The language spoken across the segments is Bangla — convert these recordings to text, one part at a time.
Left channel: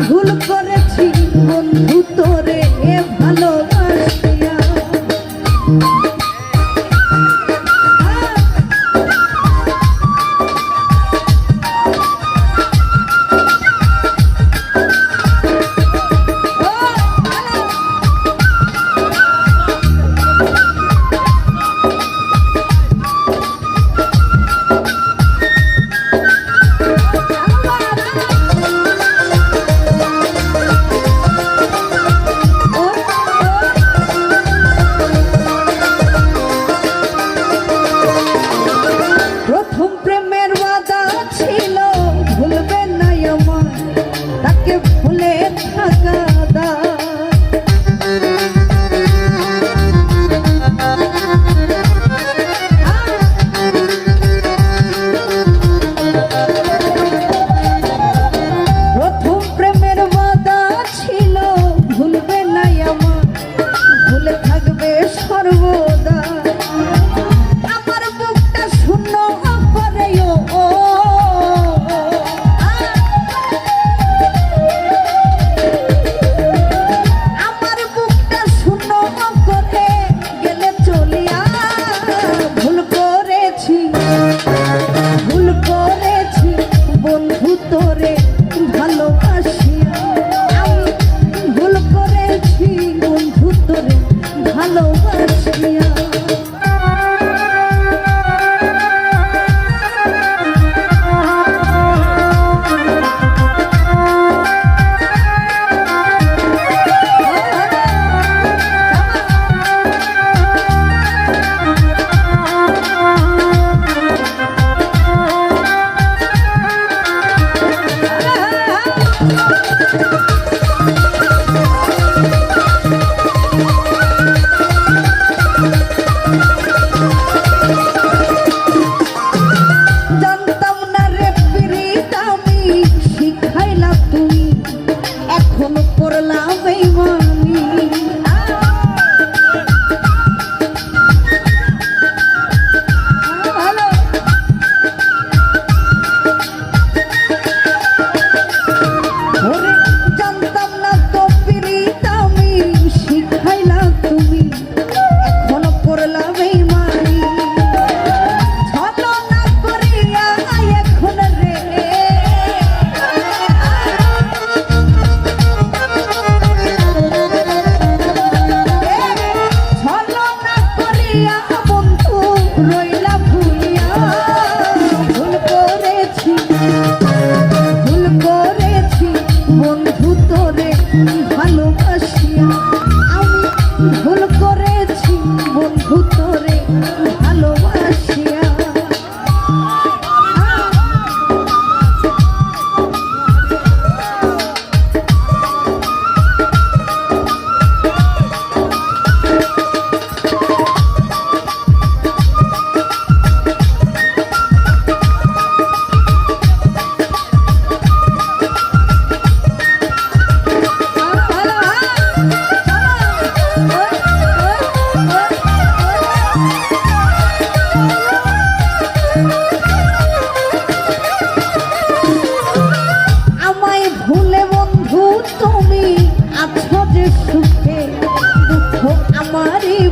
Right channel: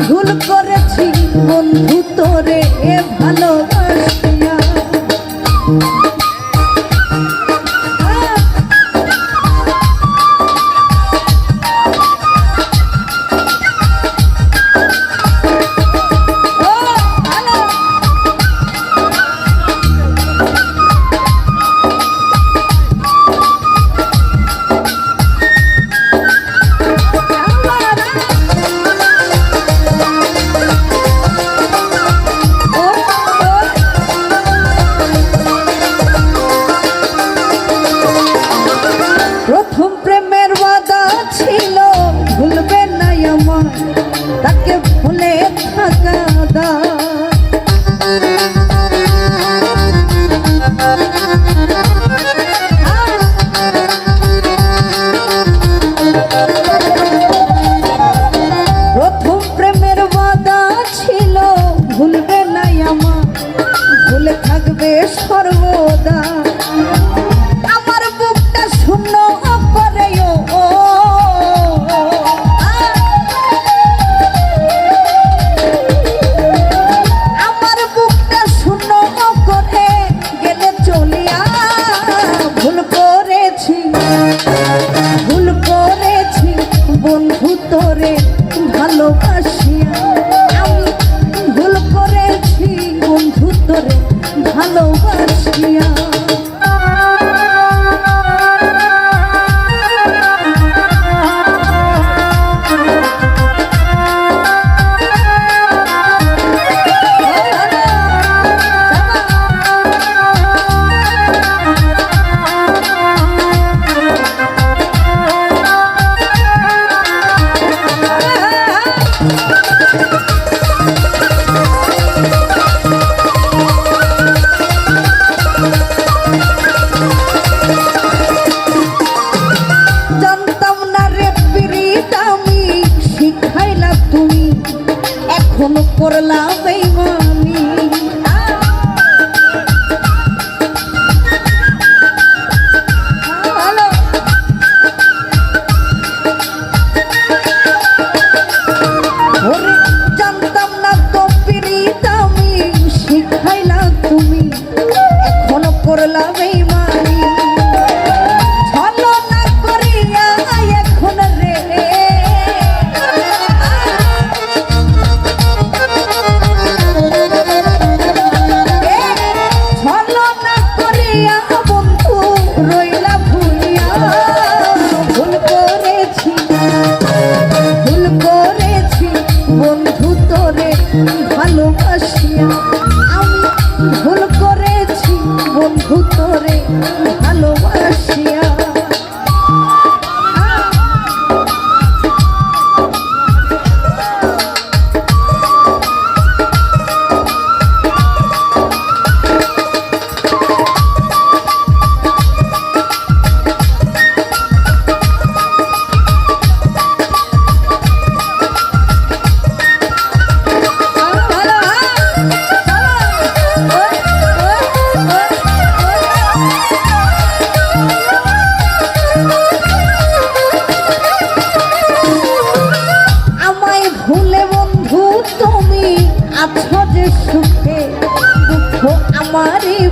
ভুল এখনও করলা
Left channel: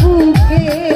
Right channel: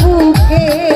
বুকে